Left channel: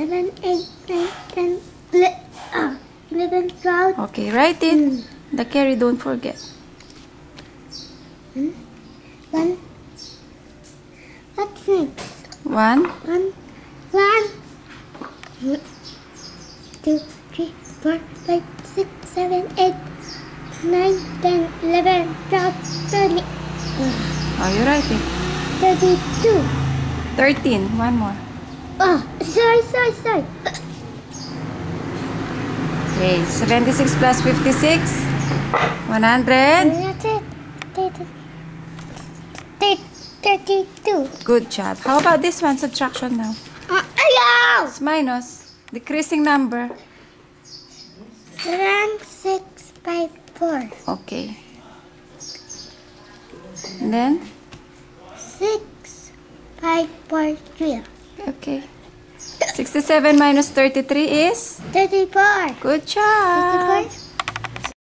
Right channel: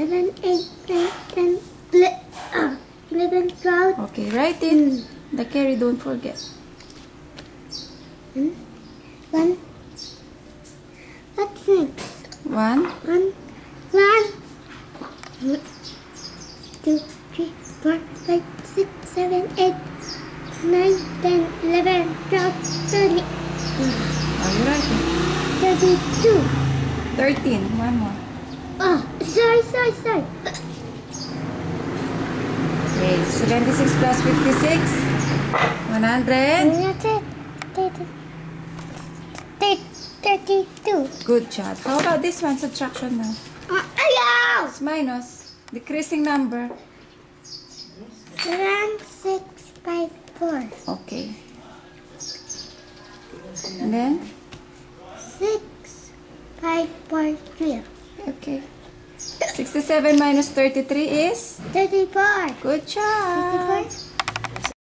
7, 8, 9, 10, 11, 12. Okay, write it. The carry, don't forget. 1. What's next? 1. 1, 2, 3, 4, 5, 6, 7, 8, 9, 10, 11, 12, 30. Oh, you write it. 32. 13. One more. Oh, sorry. Okay, 76 plus 56. 100. That's it. 32. Good job. How about this one? Subtraction now. Ayaw! It's minus. Decreasing number. 7, 6, 5, 4. Okay. And then? 6, 5, 4, 3. Okay. 67 minus 33 is? 34. Good job. 34.